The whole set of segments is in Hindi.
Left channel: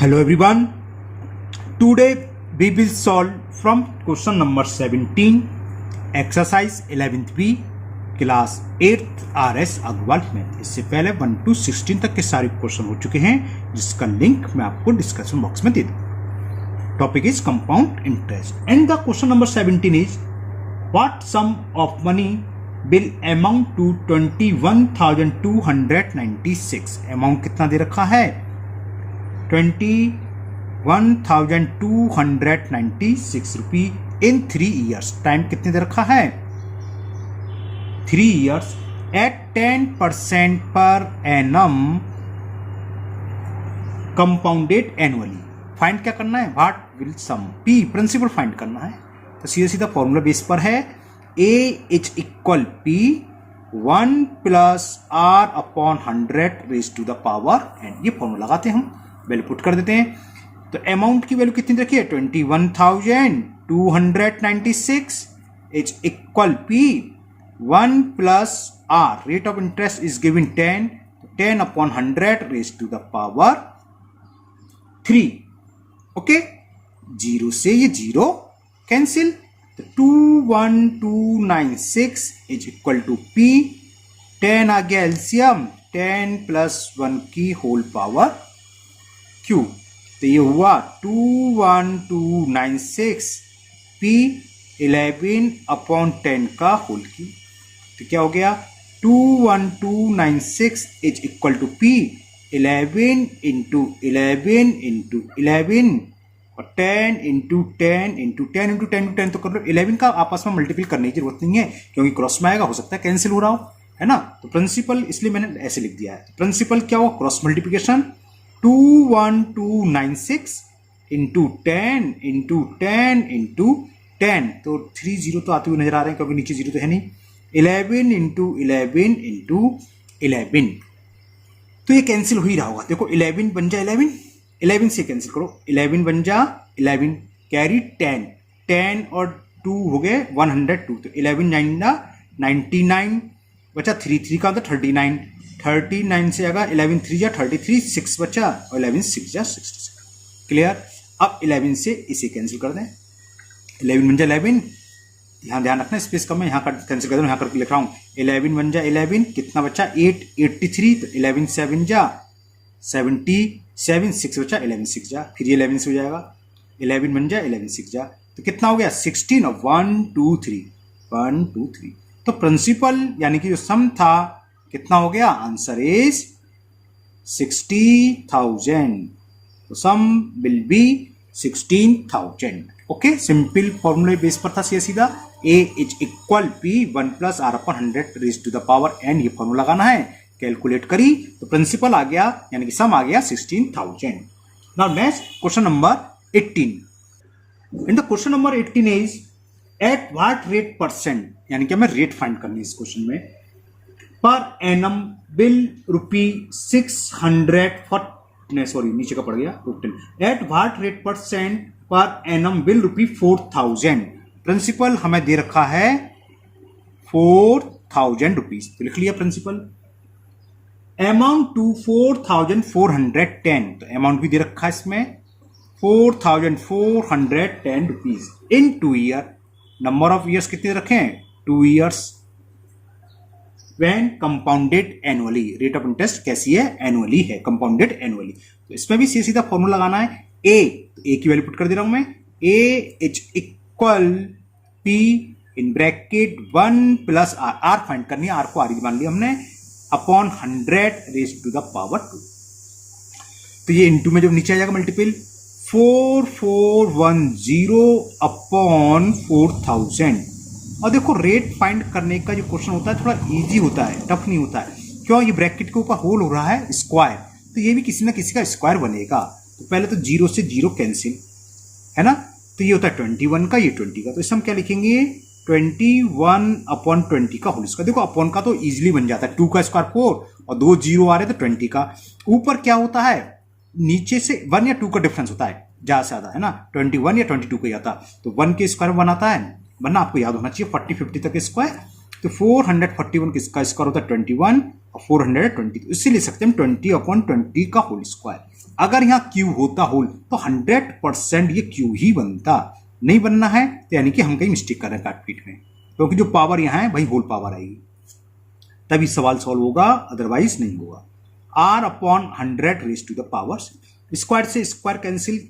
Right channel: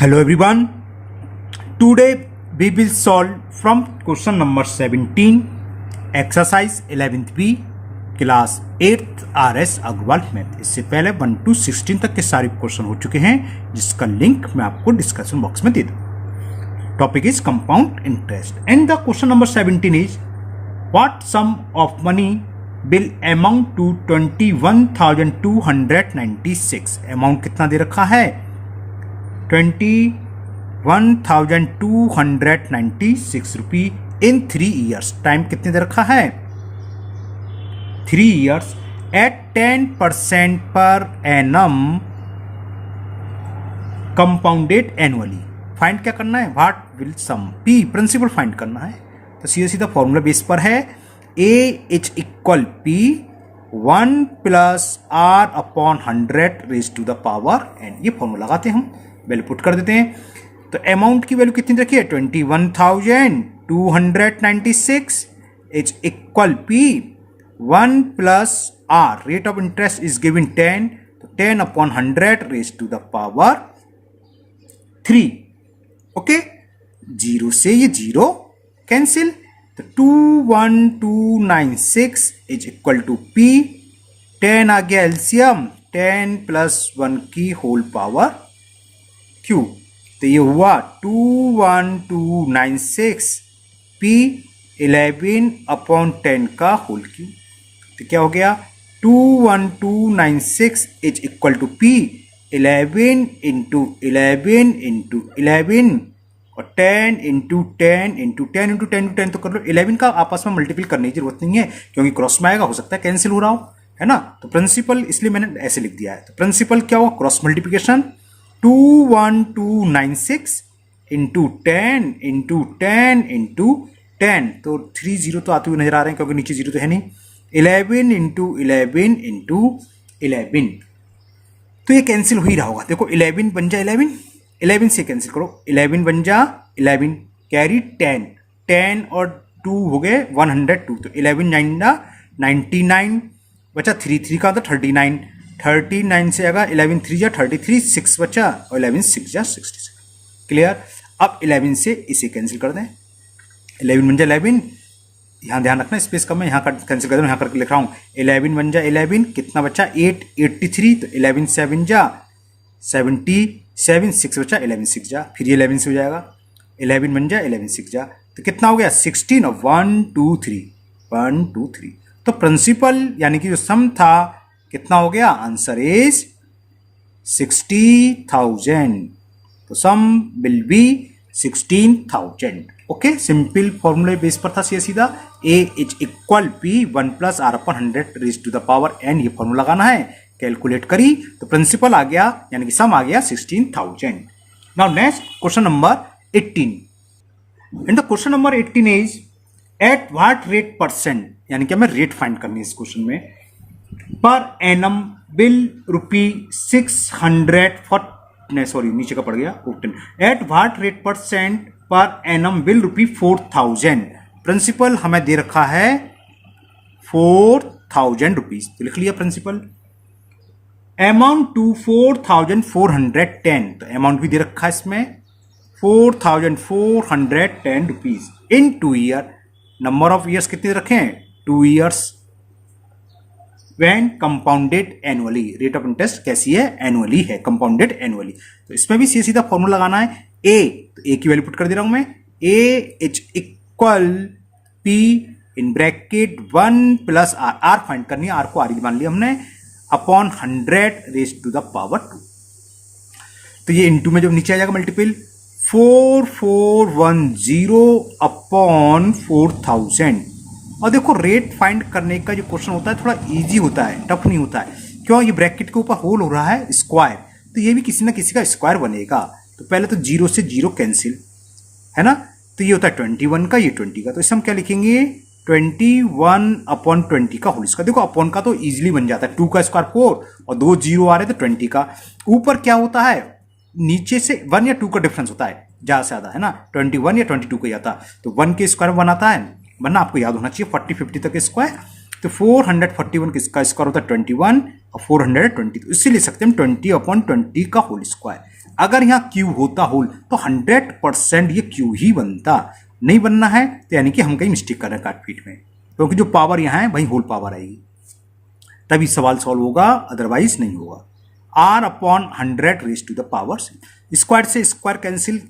Hello everyone. Today we will solve from question number 17, exercise 11th B, class 8th RS Agarwal math. इससे पहले 1 to 16 तक के सारे क्वेश्चन हो चुके हैं, जिसका लिंक मैं आपको डिस्क्रिप्शन बॉक्स में दे दूँ। Topic is compound interest and the question number 17 is what sum of money will amount to 21,296। Amount कितना दे रखा है? 21,296 रुपी इन 3 years। टाइम कितने दे रखा है? 3 years eight 10% per annum compounded annually. Find क्या करना है? What will sum P, principal find करना है। तो सीधा सीधा फॉर्मूला बेस पर है A is equal P 1 plus R upon 100 raise to the power N. ये फॉर्मूला लगाते हैं, हम वैल्यू पुट कर देते हैं। तो अमाउंट की वैल्यू कितनी रखी है? 21,296 is equal P 1 plus R, rate of interest is given 10, तो 10 upon 100 raise to the power 3। Okay, zero से ये जीरो कैंसिल, तो 21,296 इज इक्वल टू पी 10 आ गया एलसीएम, 10 प्लस 1 की होल पावर क्यू। तो ये हुआ 21,296 पी 11 अपॉन 10 का होल क्यू। तो क्या हो गया? 21,296 is equal to P 11 into 11 into 11 और 10 इंटू 10 इंटू 10 इंटू 10 इंटू 10। तो कर लो 11 का आपस में मल्टीपल करने की जरूरत नहीं है, क्योंकि क्रॉस में आएगा, हो सकता है कैंसिल हो रहा हो, है ना। तो प्रिंसिपल इसलिए मैंने ऐसे लिख दिया है। तो प्रिंसिपल क्या हुआ? Cross multiplication 21,296 into 10 into 10 into 10। तो 3 जीरो तो आते हुए नजर आ रहे हैं, क्योंकि नीचे जीरो तो है नहीं। 11 इंटू 11 इंटू 11, तो ये कैंसिल हो ही रहा होगा। देखो 11 बन जा 11, 11 से कैंसिल करो, 11 बन जा 11, कैरी 10, 10 और 2 हो गए 102। तो 11 9 99 बचा, 3 3 का तो 39, 39 से आएगा 11 3 जा 33, 6 बचा और 11 6 जा 67। क्लियर? अब 11 से इसे कैंसिल कर दें, 11 बन जा 11, यहाँ ध्यान रखना स्पेस कम है, यहाँ कर कैंसिल कर दें, यहाँ करके लिख रहा हूँ 11 बन जा 11, कितना बचा 8 83, तो 11 7 जा 77, 6 बचा 11 6 जा, फिर ये 11 से हो जाएगा, 11 बन जा 11 6 जा, तो कितना हो गया 16 और 1 2 3 1 2 3। तो प्रिंसिपल यानी कि जो सम था कितना हो गया? Answer is 60,000। तो sum will be 16,000। Okay, simple फॉर्मूले बेस पर था सीधा। A is equal P 1 plus R upon 100 raise to the power N, ये फॉर्मूला लगाना है। कैलकुलेट करी तो प्रिंसिपल आ गया, यानी कि सम आ गया 16,000। Now next question number 18। In the question number 18 is eight what rate percent, यानी कि हमें रेट फाइंड करनी है इस क्वेश्चन में, पर एनम बिल रुपी 600 सॉरी नीचे का पड़ गया 14। At what rate percent per annum will rupee 4,000। Principal हमें दे रखा है 4,000 रुपीज, तो लिख लिया प्रिंसिपल। अमाउंट टू 4,410, तो अमाउंट भी दे रखा है इसमें 4,410 rupees in 2 year. Number of years कितने रखे हैं? 2 years. when compounded annually, rate of interest कैसी है? एनुअली है, कंपाउंडेड एनुअली। तो इसमें भी सीधा फॉर्मूला लगाना है। ए, तो ए की वैल्यू पुट कर दे रहा हूं मैं, A is equal P in bracket 1 plus R, R find करनी है, आर को आर मान लिया हमने, upon 100 raise to the power 2। तो ये इनटू में जब नीचे आ जाएगा मल्टीपल 4410 अपॉन 4,000। और देखो रेट फाइंड करने का जो क्वेश्चन होता है थोड़ा इजी होता है, टफ नहीं होता है। क्यों? ये ब्रैकेट के ऊपर होल हो रहा है स्क्वायर, तो ये भी किसी ना किसी का स्क्वायर बनेगा। तो पहले तो जीरो से जीरो कैंसिल, है ना। तो ये होता है 21 का, ये 20 का, तो इसे हम क्या लिखेंगे? 21 अपॉन 20 का होल स्क्वायर। देखो अपॉन का तो इजिली बन जाता है, 2 का स्क्वायर 4 और 2 जीरो आ रहे तो 20 का। ऊपर क्या होता है? नीचे से 1 या 2 का डिफरेंस होता है ज्यादा से ज्यादा, है ना। 21 या 22 का जाता, तो 1 के स्क्वायर बनाता है, वरना आपको याद होना चाहिए 40 50 तक स्क्वायर। तो 441 किसका स्क्वायर होता है 21 और 420, तो इससे ले सकते हैं हम 20/20 का होल स्क्वायर। अगर यहाँ क्यू होता होल तो 100% ये क्यू ही बनता, नहीं बनना है तो यानी कि हम कहीं मिस्टेक कर रहे हैं काटपीट में, क्योंकि जो पावर यहाँ है वही होल पावर आएगी, तभी सवाल सॉल्व होगा, अदरवाइज नहीं होगा। r/100 raise to the power, square से स्क्वायर कैंसिल,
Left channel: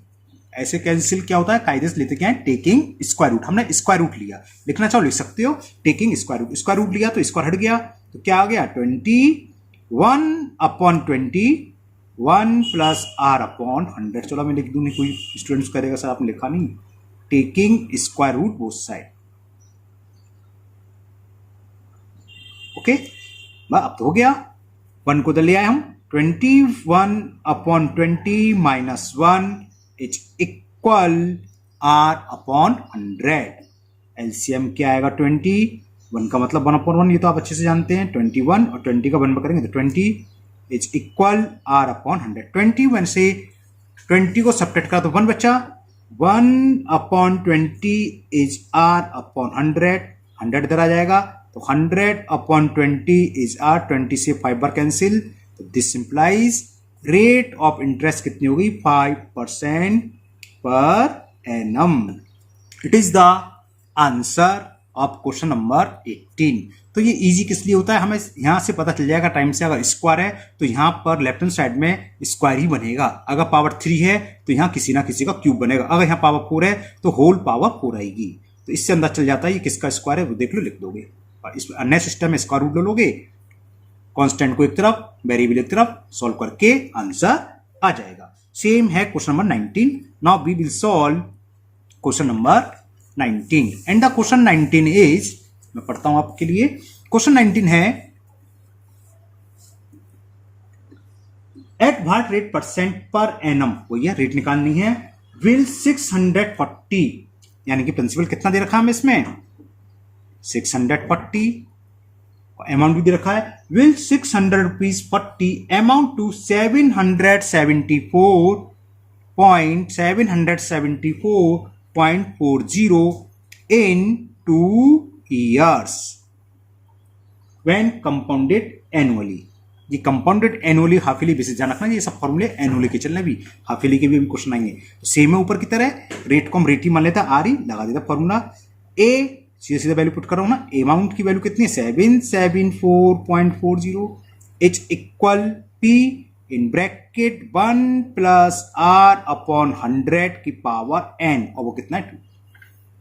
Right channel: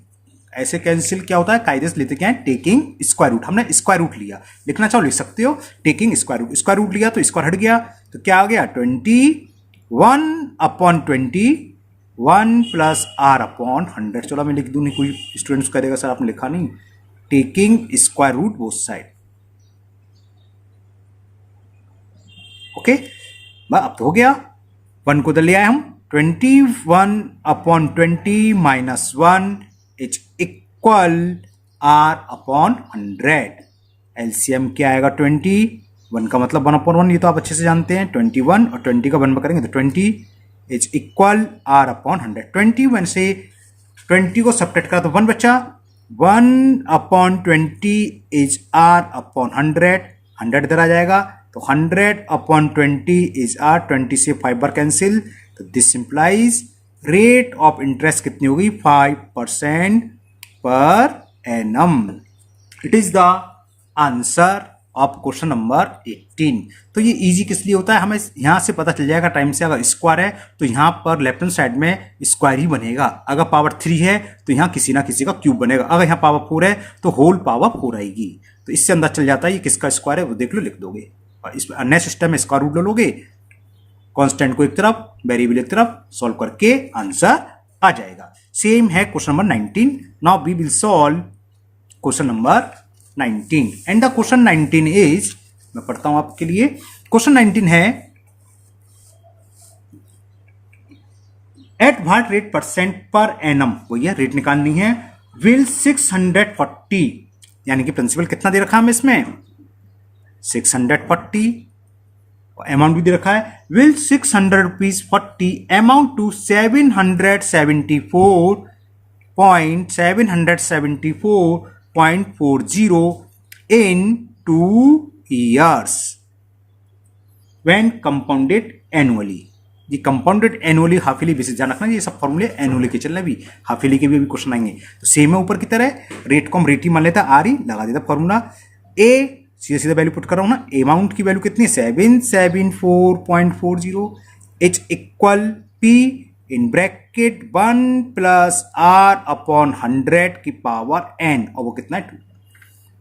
ऐसे कैंसिल क्या होता है, कायदे से लेते क्या है, टेकिंग स्क्वायर रूट। हमने स्क्वायर रूट लिया, लिखना चाहो लिख सकते हो, टेकिंग स्क्वायर रूट लिया तो स्क्वायर हट गया, तो क्या आ गया 21/20 1 प्लस r/100। चलो मैं लिख दूं, नहीं कोई स्टूडेंट्स करेगा सर आपने लिखा नहीं, taking square root both side. Okay, अब तो हो गया, 1 को उधर ले आए हम, 21/20 minus 1 is equal r/100। LCM क्या आएगा 20, 1 का मतलब 1/1, ये तो आप अच्छे से जानते हैं, 21 और 20 का 1 करेंगे तो 20 इज इक्वल r/100। 21 से 20 को सब्ट्रैक्ट करा तो 1 बचा, 1/20 इज r/100, 100 इधर आ जाएगा तो 100/20 इज r, 20 से 5 बार कैंसिल, तो this implies rate of interest कितनी होगी 5% per annum. It is the answer of question number 18। तो ये इजी किस लिए होता है, हमें यहां से पता चल जाएगा टाइम से, अगर स्क्वायर है तो यहां पर लेफ्ट हैंड साइड में स्क्वायर ही बनेगा, अगर पावर 3 है तो यहां किसी ना किसी का क्यूब बनेगा, अगर यहां पावर 4 है तो होल पावर 4 आएगी। तो इससे अंदाज चल जाता है ये किसका स्क्वायर है, वो देख लो, लिख दोगे। और इसमें अन्य सिस्टम में स्क्वायर रूट ले लोगे, कांस्टेंट को एक तरफ, वेरिएबल एक तरफ, सॉल्व करके आंसर आ जाएगा। सेम है question number 19। Now we will solve question number 19 and the question 19 is, मैं पढ़ता हूं आपके लिए। क्वेश्चन 19 है, at what rate percent per annum, वो ये रेट निकालनी है, विल 640, यानी कि प्रिंसिपल कितना दे रखा है हमें इसमें 640, अमाउंट भी दे रखा है, will 600 rupees 40 amount to 774.40 in 2 years when compounded annually। ये compounded annually half yearly basis, जान रखना ये सब फॉर्मूले एनुअली के चलने, भी हाफ ईयरली के भी क्वेश्चन आएंगे। तो सेम है ऊपर की तरह, रेट को हम रेट ही मान लेता, आर ही लगा देता फॉर्मूला, ए सीधा सीधा वैल्यू पुट कर रहा हूं ना, अमाउंट की वैल्यू कितनी है 774.40, is equal P in bracket 1 plus r/100 की पावर n, और वो कितना है 2।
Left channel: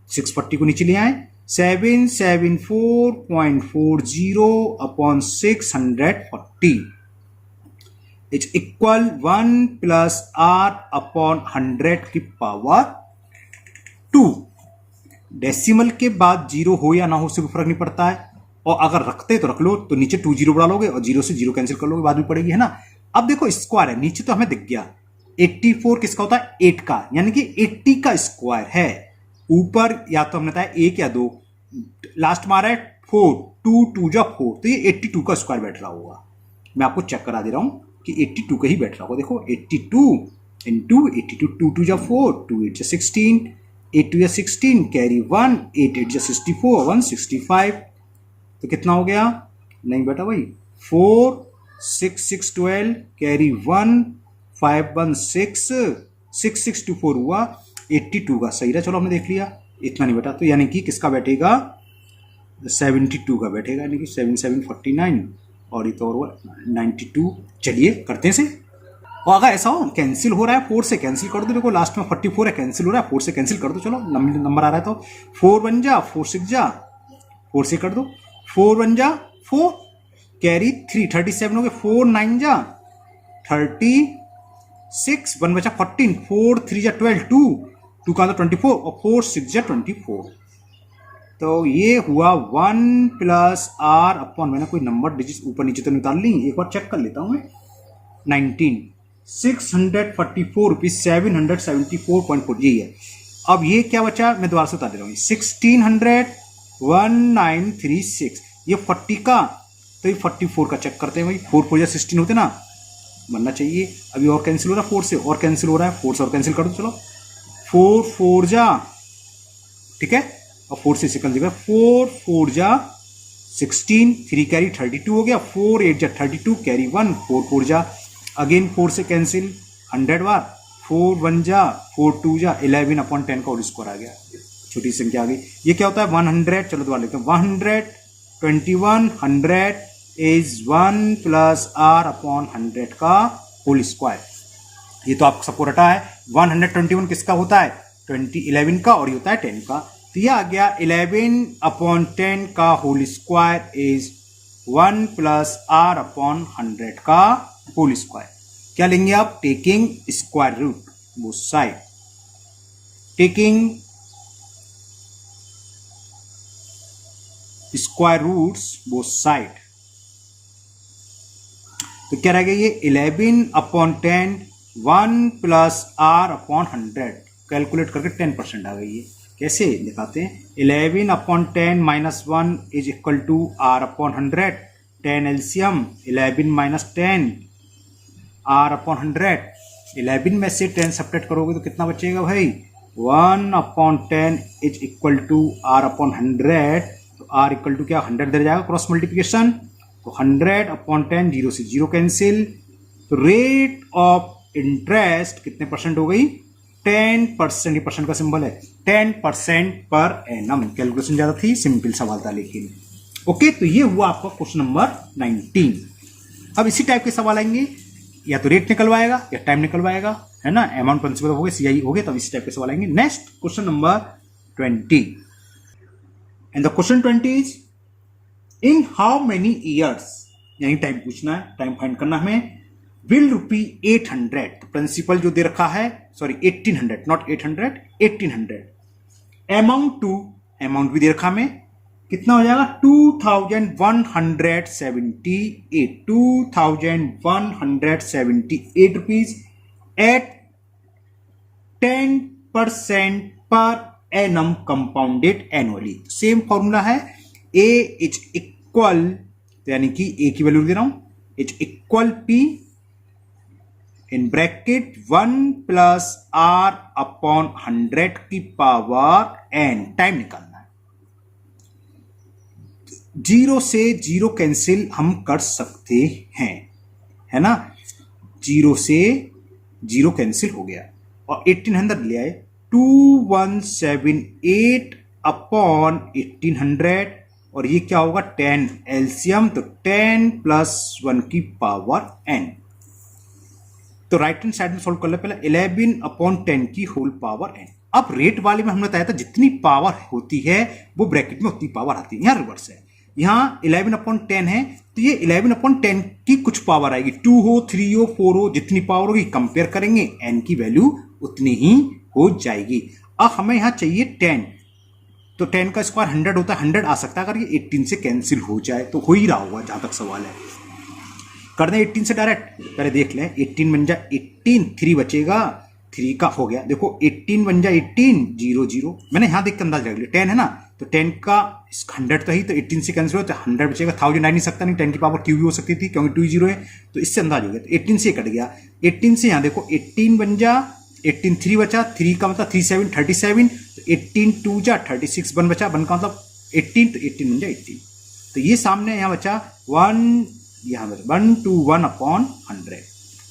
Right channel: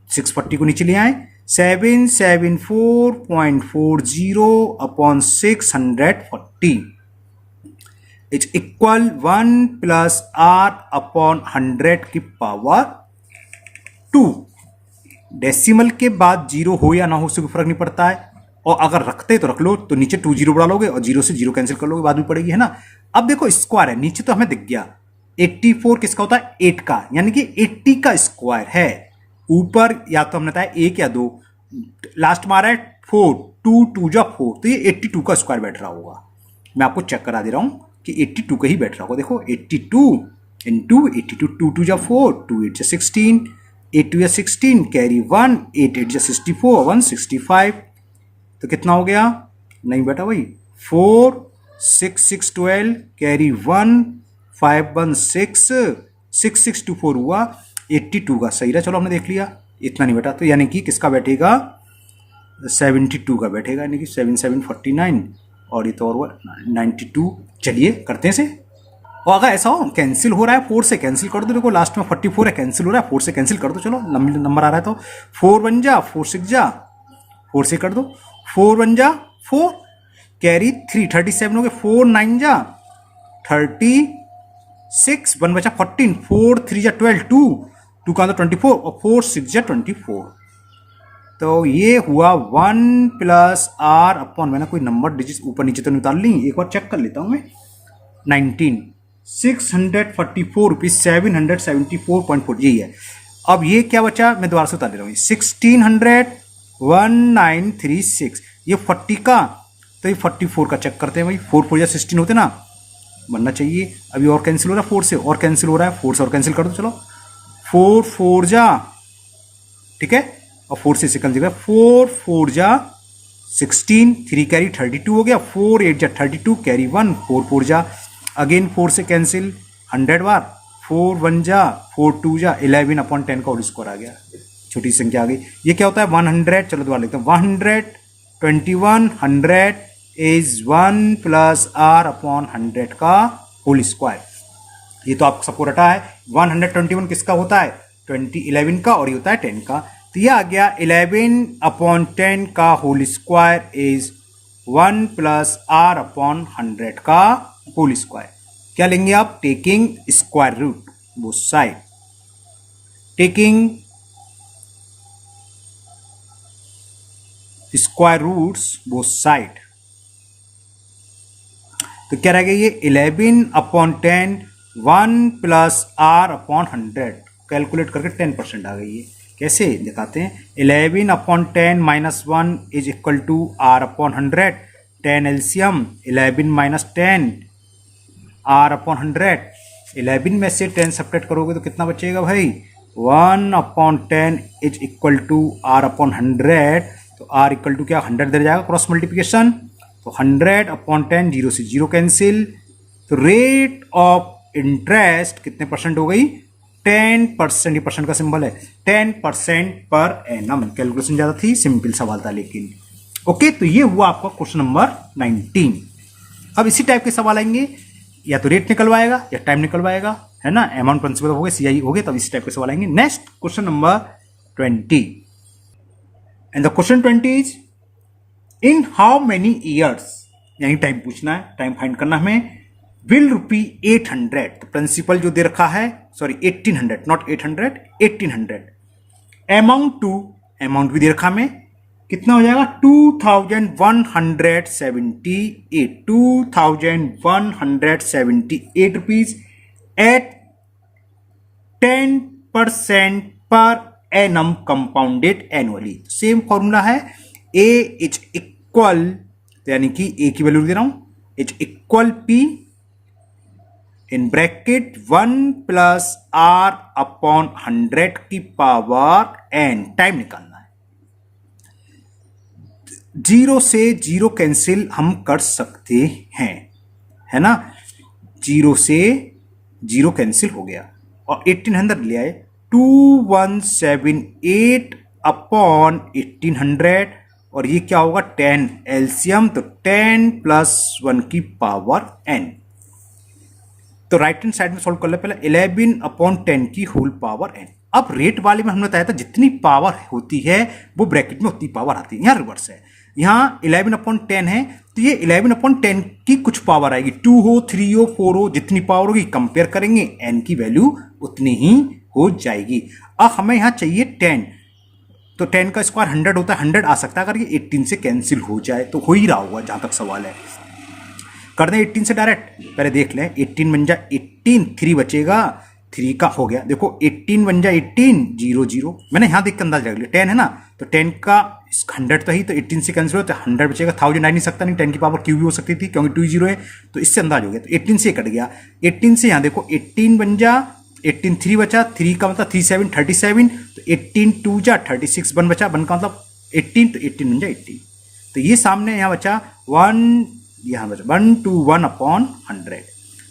640 को नीचे ले आए, 774.40/640 इज इक्वल 1 प्लस r/100 की पावर 2। डेसिमल के बाद जीरो हो या ना हो उससे कोई फर्क नहीं पड़ता है, और अगर रखते तो रख लो, तो नीचे 2 जीरो बढ़ा लोगे और 0 से 0 कैंसिल कर लोगे, बाद में पड़ेगी, है ना। अब देखो स्क्वायर है, नीचे तो हमें दिख गया 84 किसका होता है 8 का, यानी कि 80 का स्क्वायर है। ऊपर या तो हमने बताया 1 या 2, लास्ट में आ रहा है 4, 2 2 जा 4, तो ये 82 का स्क्वायर बैठ रहा होगा। मैं आपको चेक करा दे रहा हूं कि 82 का ही बैठ रहा होगा। देखो 82 इंटू 82, 2 2 जा 4, 2 8 जा 16, 8 2 जा 16, कैरी 1, 8 8 जा 64, 165, तो कितना हो गया, नहीं बेटा भाई 4 6 6 12, कैरी 1, 5 1 6, 6 6 2 4 हुआ 82 का, सही रहा। चलो हमने देख लिया, इतना नहीं बेटा, तो यानी कि किसका बैठेगा 72 का बैठेगा, यानी कि 7 7 49, और ये तो और 92। चलिए करते हैं से, और अगर ऐसा हो कैंसिल हो रहा है 4 से कैंसिल कर दो, देखो लास्ट में 44 है, कैंसिल हो रहा है 4 से कैंसिल कर दो, चलो नंबर आ रहा है तो 4 1 जा 4 6 जा 4 से कर दो, 4 1 जा 4, कैरी 3 37 हो गए, 4 9 जा 36, 1 बचा 14, 4 3 जा 12, 2 का 24, और 4 6 जा 24, तो ये हुआ 1 प्लस r/, मैंने कोई नंबर डिजिट ऊपर नीचे तो नहीं उतार ली, एक और चेक कर लेता हूं मैं, 19 644 रुपीज 774.4, यही है। अब ये क्या बचा, मैं दोबारा से उतार दे रहा हूँ, 1600 1936, ये 40 का, तो ये 44 का चेक करते हैं भाई, 4 4 या 16 होते ना, बनना चाहिए। अभी और कैंसिल हो रहा है 4 से, और कैंसिल हो रहा है 4 से, और कैंसिल कर दो, चलो 4 4 जा, ठीक है, और 4 से कैंसिल कर, 4 4 जा 16, 3 कैरी 32 हो गया, 4 8 जा 32, कैरी 1, 4 4 जा, अगेन 4 से कैंसिल 100 बार, 4 1 जा 4 2 जा 11 अपॉन 10 का होल स्क्वायर आ गया, छोटी संख्या आ गई। ये क्या होता है 100, चलो दोबारा लेते हैं 121 100 इज 1 प्लस r अपॉन 100 का होल स्क्वायर। ये तो आप सबको रटा है। 121 किसका होता है 11 का, और ये होता है 10 का। तो ये आ गया 11 अपॉन 10 का whole square is 1 plus r upon 100 का होल स्क्वायर। क्या लेंगे आप, taking square root both side, taking square roots both side. तो क्या रह गया ये 11 upon 10 1 plus r upon 100, calculate करके 10% आ गई है। कैसे दिखाते हैं, 11 upon 10 minus 1 is equal to r upon 100, 10 LCM 11 minus 10 r upon 100, 11 में से 10 सब्ट्रैक्ट करोगे तो कितना बचेगा भाई, 1 upon 10 is equal to r upon 100, तो r इक्वल टू क्या 100 दे जाएगा क्रॉस मल्टीप्लिकेशन, तो 100 अपॉन 10 जीरो से जीरो कैंसिल, तो रेट ऑफ इंटरेस्ट कितने परसेंट हो गई 10%, ये परसेंट का सिंबल है 10% पर एनम। कैलकुलेशन ज्यादा थी, सिंपल सवाल था लेकिन। ओके, तो ये हुआ आपका क्वेश्चन नंबर 19। अब इसी टाइप के सवाल आएंगे, या तो रेट निकलवाएगा या टाइम निकलवाएगा, है ना, अमाउंट प्रिंसिपल हो गए, सीआई हो गए, तब इसी टाइप के सवाल आएंगे। Next question number 20, and the question 20 is in how many years, यानी टाइम पूछना है, टाइम फाइंड करना हमें, विल रुपी 800, तो प्रिंसिपल जो दे रखा है, sorry 1800 not 800, 1800, amount to, amount भी दे रखा हमें, कितना हो जाएगा 2178, 2178 rupees at 10% per annum compounded annually. Same formula है, ए इज इक्वल, यानी कि ए की वैल्यू दे रहा हूं, is equal P in bracket 1 plus r upon 100 की पावर n, टाइम निकालना है। जीरो से जीरो कैंसिल हम कर सकते हैं, है ना, जीरो से जीरो कैंसिल हो गया, और 1800 ले आए, 2178 अपॉन 1800, और ये क्या होगा 10 एलसीएम, तो 10 प्लस 1 की पावर n। तो राइट हैंड साइड में सॉल्व कर ले, पहले 11 अपॉन 10 की होल पावर n। अब रेट वाले में हमने बताया था जितनी पावर होती है वो ब्रैकेट में उतनी पावर आती है, यहां रिवर्स है, यहां 11 अपॉन 10 है, तो ये 11 अपॉन 10 की कुछ पावर आएगी, 2 हो 3 हो 4 हो, जितनी पावर होगी कंपेयर करेंगे n की वैल्यू उतनी ही हो जाएगी। अब हमें यहां चाहिए 10, तो 10 का स्क्वायर 100 होता है, 100 आ सकता है अगर ये 18 से कैंसिल हो जाए, तो हो ही रहा होगा जहां तक सवाल है। कर दें 18 से डायरेक्ट, पहले देख लें, 18 बन जा 18, 3 बचेगा, 3 का हो गया, देखो 18 बन जा 18, 0 0, मैंने यहां देख के अंदाज लग लिया, 10 है ना, तो 10 का 100 तो ही, तो 18 से कैंसिल हो तो 100 बचेगा, 1000 आ नहीं सकता, नहीं 10 की पावर क्यू भी हो सकती थी क्योंकि 2 0 है, तो इससे अंदाज हो गया, तो 18 से कट गया, 18 से यहां देखो 18 बन जा 18, 3 बचा, 3 का मतलब 3 7 37, तो 18 2 जा 36, 1 बचा, 1 का मतलब 18, तो 18 बन जा 18, तो ये सामने यहां बचा 1, यहां बचा 121 अपॉन 100,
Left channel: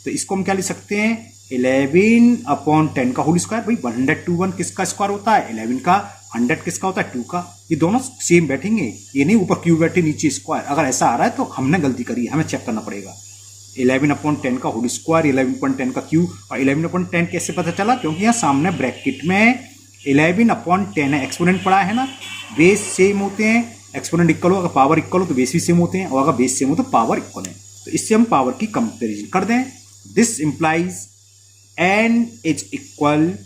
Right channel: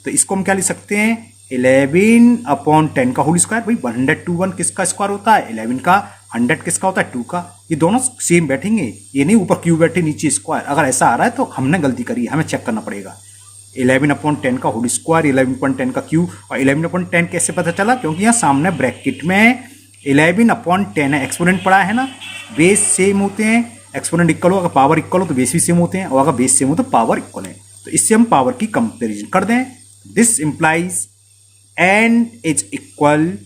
तो इसको हम क्या लिख सकते हैं 11 अपॉन 10 का होल स्क्वायर। भाई 121 किसका स्क्वायर होता है 11 का, 100 किसका होता है 2 का, ये दोनों सेम बैठेंगे, ये नहीं ऊपर क्यू बैठे नीचे स्क्वायर, अगर ऐसा आ रहा है तो हमने गलती करी है, हमें चेक करना पड़ेगा। 11 अपॉन 10 का होल स्क्वायर, 11.10 का क्यू, और 11 अपॉन 10 कैसे पता चला, क्योंकि यहाँ सामने ब्रैकेट में 11 अपॉन 10 है, एक्सपोनेंट पड़ा है ना, बेस सेम होते हैं, एक्सपोनेंट इक्वल हो, अगर पावर इक्वल हो तो बेस भी सेम होते हैं, और अगर बेस सेम हो तो पावर इक्वल है, तो इससे हम पावर की कंपेरिजन कर दें। This implies n is equal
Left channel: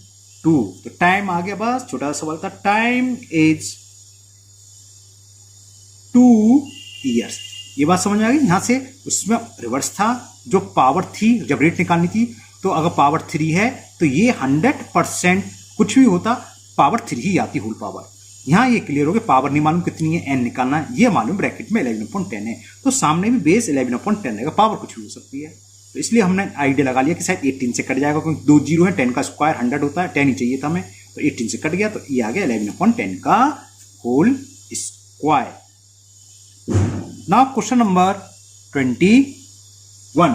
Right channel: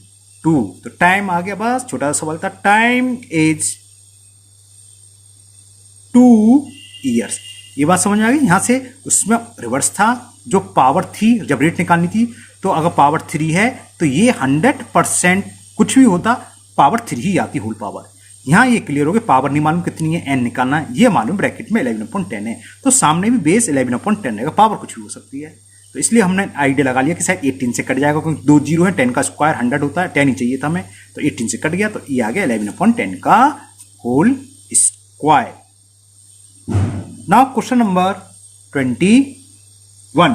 to, तो टाइम आ गया, बस छोटा सा सवाल था, टाइम इज 2 ईयर्स, ये बात समझ में आ गई। यहां से उसमें रिवर्स था, जो पावर थी जब रेट निकालनी थी, तो अगर पावर 3 है तो ये 100% कुछ भी होता पावर 3 ही आती होल पावर। यहां ये क्लियर हो गया, पावर नहीं मालूम कितनी है, n निकालना है, ये मालूम ब्रैकेट में 11/10 है, तो सामने भी बेस 11/10 रहेगा, पावर कुछ भी हो सकती है, तो इसलिए हमने आइडिया लगा लिया कि शायद 18 से कट जाएगा, क्योंकि 2 जीरो है, 10 का स्क्वायर 100 होता है, 10 ही चाहिए था हमें, तो 18 से कट गया, तो ये आ गया 11/10 का whole square. Now question number 21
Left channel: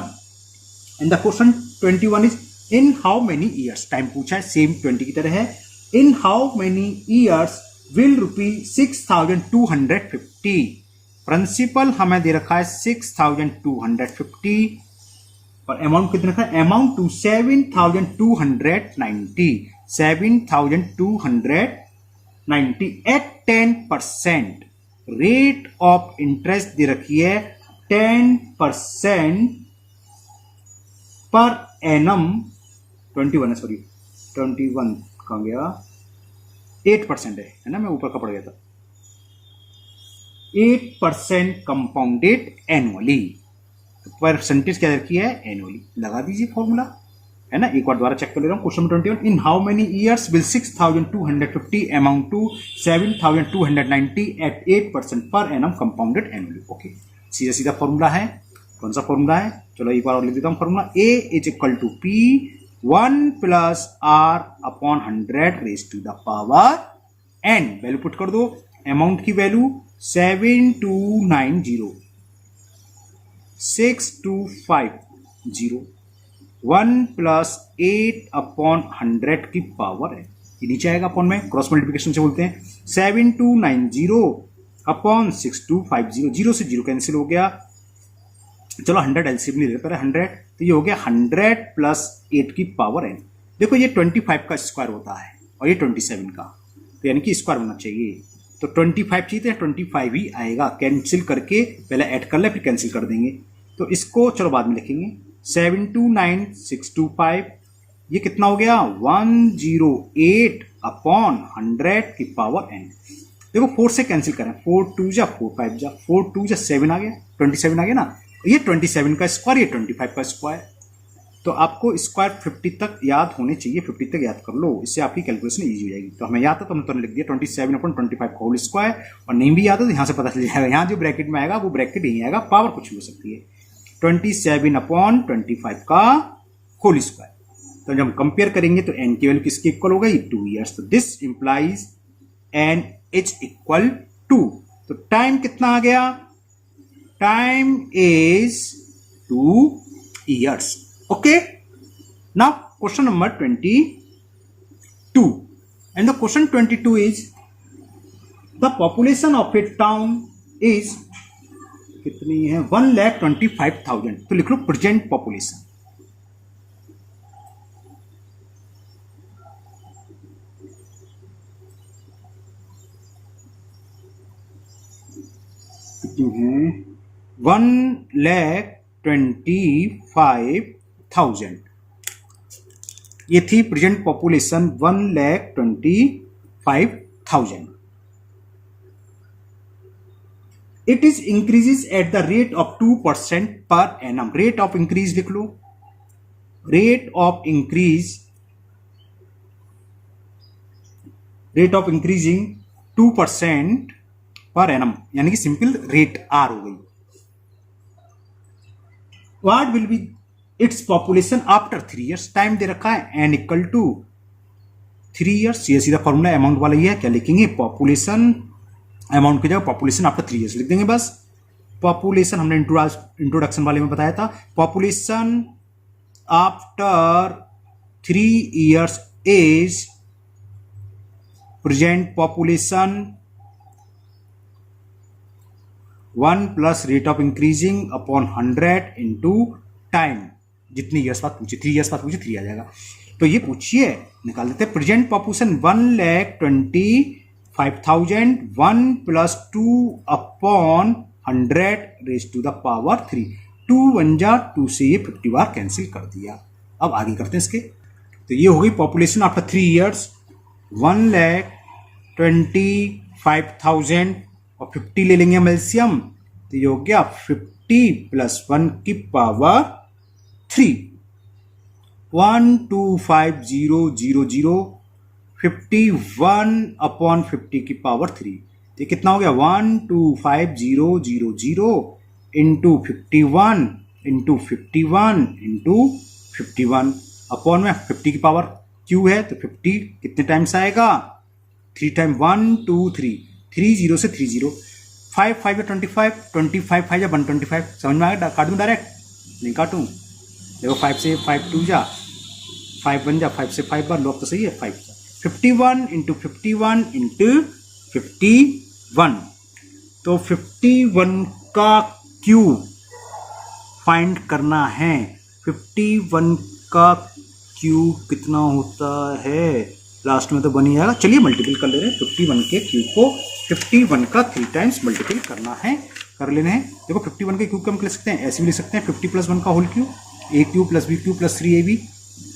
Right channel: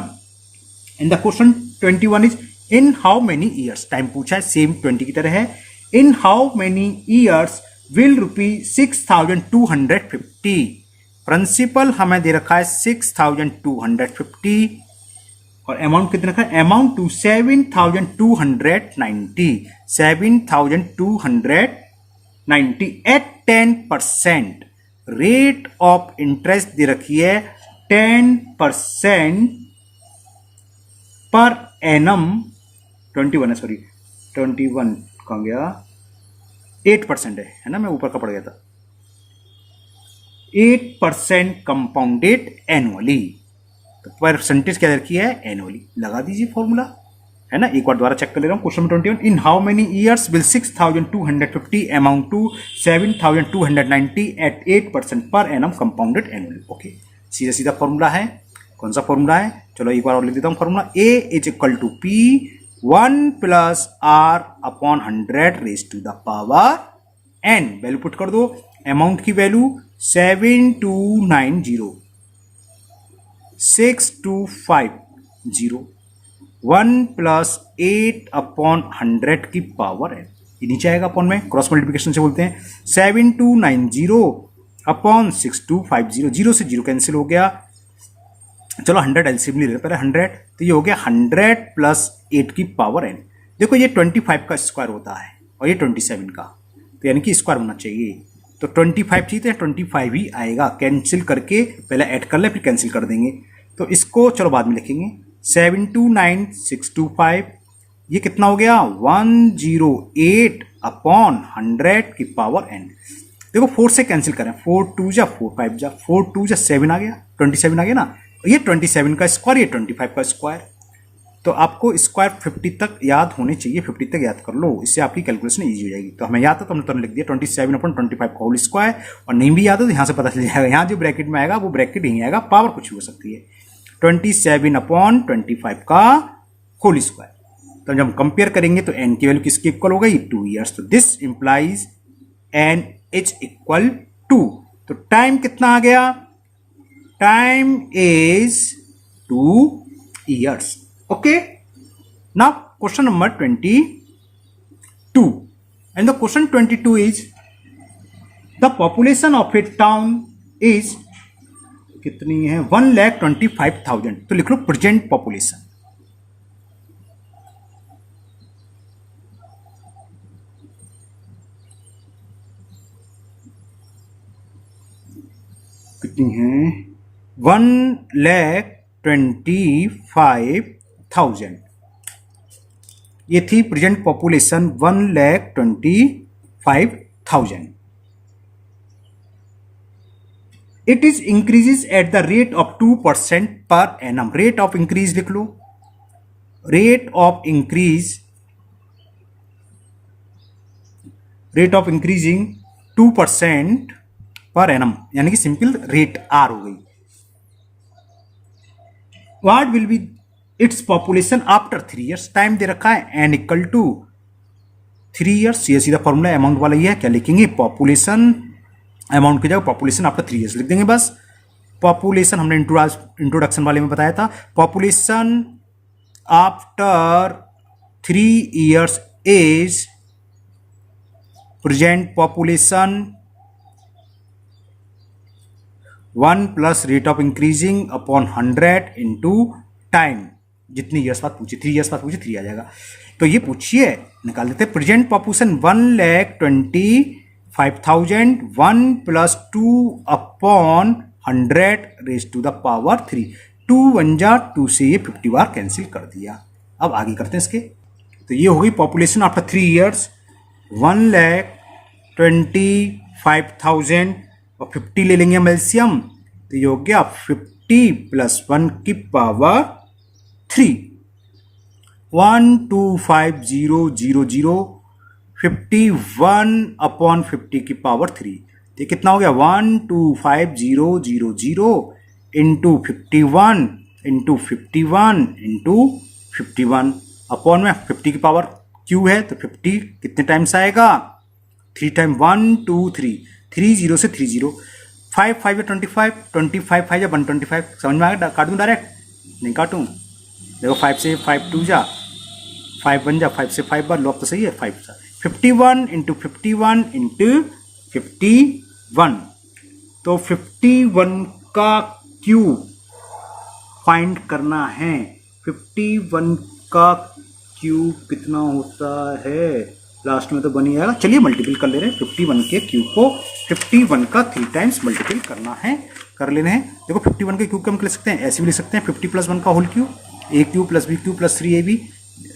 and the question 21 is in how many years, time पूछा है सेम 20 की तरह है, in how many years will ₹6,250, principal हमें दे रखा है 6,250 और अमाउंट कितना रखा है, amount to 7,290 at 10%, rate of interest दे रखी है 10% पर एनम, 21 है, सॉरी 21 कहाँ गया, 8% है ना, मैं ऊपर का पड़ गया था, 8% कंपाउंडेड एनुअली, तो परसेंटेज क्या रखी है, एनुअली, लगा दीजिए फॉर्मूला, है ना। एक बार दोबारा चेक कर ले रहा हूं, question 21, in how many years will 6,250 amount to 7,290 at 8% per annum compounded annually. Okay, सीधा सीधा फॉर्मूला है, कौन सा फॉर्मूला है, चलो एक बार और लिख देता हूं formula, A is equal to P 1 plus R upon 100 raise to the power N, value put कर दो, अमाउंट की वैल्यू 7,290,6,250, 1 प्लस 8 अपॉन 100 की पावर है, ये नीचे आएगा अपॉन में, क्रॉस मल्टीप्लिकेशन से बोलते हैं, 7,290 अपॉन 6,250, 0 से 0 कैंसिल हो गया, चलो 100 एलसीएम ले लेते पहले 100, तो ये हो गया 100 प्लस 8 की पावर एन। देखो ये 25 का स्क्वायर होता है और ये 27 का, तो यानी कि स्क्वायर होना चाहिए, तो 25 चाहिए तो 25 ही आएगा, कैंसिल करके पहले ऐड कर ले फिर कैंसिल कर देंगे, तो इसको चलो बाद में लिखेंगे, 7,296,250, ये कितना हो गया 108 अपॉन 100 की पावर एन। देखो 4 से कैंसिल करें, 4 2 जा 4 5 जा 4 2 जा 7 आ गया, 27 आ गया ना, ये 27 का स्क्वायर, ये 25 का स्क्वायर, तो आपको स्क्वायर 50 तक याद होने चाहिए, 50 तक याद कर लो, इससे आपकी कैलकुलेशन इजी हो जाएगी। तो हमें याद है तो हमने तुरंत लिख दिया 27/25 का होल स्क्वायर, और नहीं भी याद है तो यहाँ से पता चल जाएगा, यहाँ जो ब्रैकेट में आएगा वो ब्रैकेट यहीं आएगा, पावर कुछ भी हो सकती है, 27/25 का होल स्क्वायर। तो जब हम कंपेयर करेंगे तो एन की वैल्यू किसकी इक्वल हो गई, 2 ईयर्स, तो this implies N is equal to, तो टाइम कितना आ गया, time is 2 years. Okay, now question number 22, and the question 22 is the population of a town is कितनी है, 1,25,000, तो लिख लो प्रेजेंट पॉपुलेशन, कितनी है, 1,25,000, ये थी present population 1,25,000। It is increases at the rate of 2% per annum, rate of increase लिख लो, rate of increasing 2% per annum, यानी कि सिंपल रेट आर हो गई। What will be its population after 3 years, time दे रखा है एन इक्वल टू 3 years, ये सीधा फॉर्मूला अमाउंट वाला ही है, क्या लिखेंगे, पॉपुलेशन, अमाउंट की जगह पॉपुलेशन आफ्टर 3 years लिख देंगे बस। पॉपुलेशन हमने इंट्रोडक्शन वाले में बताया था, population after 3 years is present population 1 plus rate of increasing upon 100 into time, जितनी ईयर्स बाद पूछे, 3 years बाद पूछे 3 आ जाएगा, तो ये पूछिए निकाल देते हैं, present population 1,25,000, 1 plus 2 upon 100 raise to the power 3, 2 1 जा 2 से ये 50 बार कैंसिल कर दिया। अब आगे करते हैं इसके, तो ये हो गई पॉपुलेशन आफ्टर 3 years 1,25,000 और 50 ले लेंगे हम एलसीएम, तो ये हो गया 50 प्लस 1 की पावर 3, 125,000, 51 अपॉन 50 की पावर 3, ये कितना हो गया 125,000 इंटू 51 इंटू 51 इंटू 51 अपॉन में 50 की पावर क्यू है, तो 50 कितने टाइम्स आएगा, 3 टाइम 1 2 3, 30 से 30, 5 5 या 25, 25 5 या 125, समझ में आ गया? काट दूं डायरेक्ट? नहीं काटूं। देखो 5 से 5 2 जा 5 बन जा, 5 से 5 बार लॉग तो सही है 5 सा। 51 इंटू 51 इंटू 51, तो 51 का क्यूब फाइंड करना है। 51 का क्यूब कितना होता है? लास्ट में तो बन ही आएगा। चलिए मल्टीपल कर ले रहे हैं। 51 के क्यूब को 51 का 3 टाइम्स मल्टीपल करना है, कर लेने हैं। देखो 51 के क्यूब को हम लिख सकते हैं, ऐसे भी लिख सकते हैं 50 + 1 का whole cube, a cube plus b cube plus 3ab।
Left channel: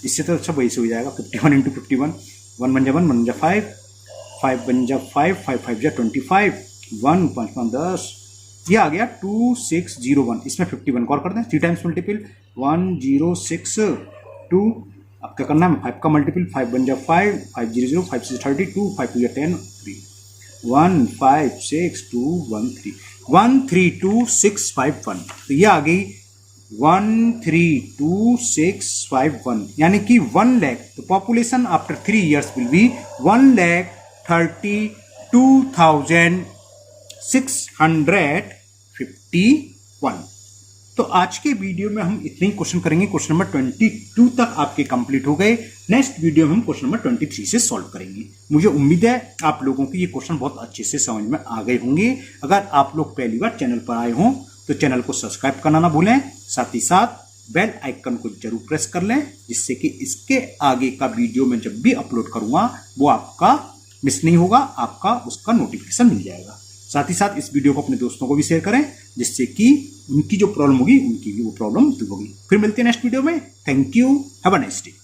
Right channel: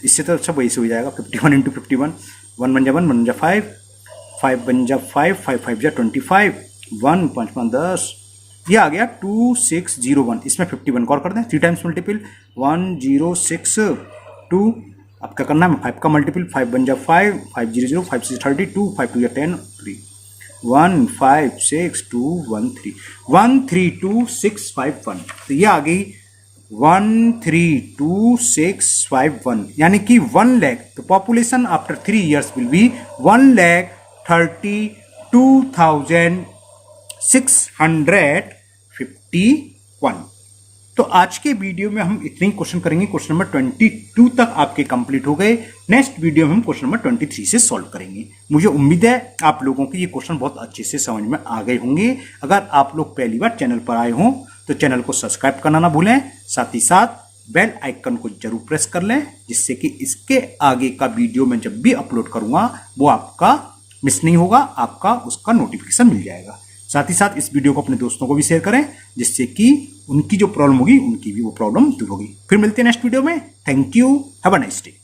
इससे तो अच्छा वही से हो जाएगा। 51 इंटू 51, 1 बन जा 1, 1 बन जा 5, 5 बन जा 5, 5 5 जा 25, 1 5 5 10, ये आ गया 2601। इसमें 51 को और कर दें 3 टाइम्स मल्टीपल, 1062। अब क्या करना है? 5 का मल्टीपल, 5 बन जा 5, 5 0 0, 5 6 32, 5 2 10 3, 1 5 6 2 1 3, 132651। तो ये आ गई 132651, यानी कि 1 लाख। तो population after 3 years will be 1,32,651। तो आज के वीडियो में हम इतने ही क्वेश्चन करेंगे। क्वेश्चन नंबर 22 तक आपके कंप्लीट हो गए। नेक्स्ट वीडियो में हम क्वेश्चन नंबर 23 से सॉल्व करेंगे। मुझे उम्मीद है आप लोगों को ये क्वेश्चन बहुत अच्छे से समझ में आ गए होंगे। अगर आप लोग पहली बार चैनल पर आए हों तो चैनल को सब्सक्राइब करना ना भूलें, साथ ही साथ बेल आइकन को जरूर प्रेस कर लें, जिससे कि इसके आगे का वीडियो मैं जब भी अपलोड करूंगा वो आपका मिस नहीं होगा, आपका उसका नोटिफिकेशन मिल जाएगा। साथ ही साथ इस वीडियो को अपने दोस्तों को भी शेयर करें, जिससे कि उनकी जो प्रॉब्लम होगी उनकी भी वो प्रॉब्लम दूर होगी। फिर मिलते हैं नेक्स्ट वीडियो में। Thank you, have a nice day.